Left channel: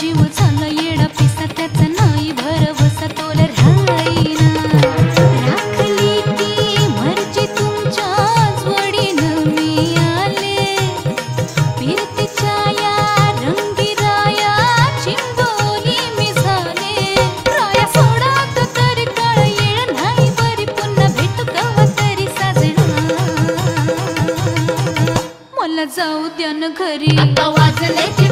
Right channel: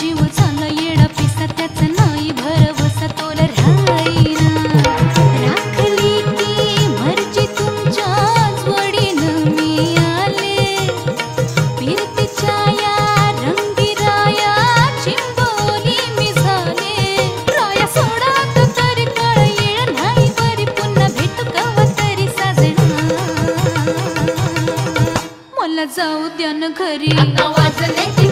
जीव झाला येडा पिसा त्याचा नाही भरवसा तोला राहीना राखली ती मर्जी तुमच्याच वडीनं मी आले फिरतीच्या या रंगी राया चिंबोली मी झाले राया सोडा तरी कळ येळ नाही बरी पुन्हा भेटू कवा तरी साजना मला जाऊ द्या न घरी आता वाजले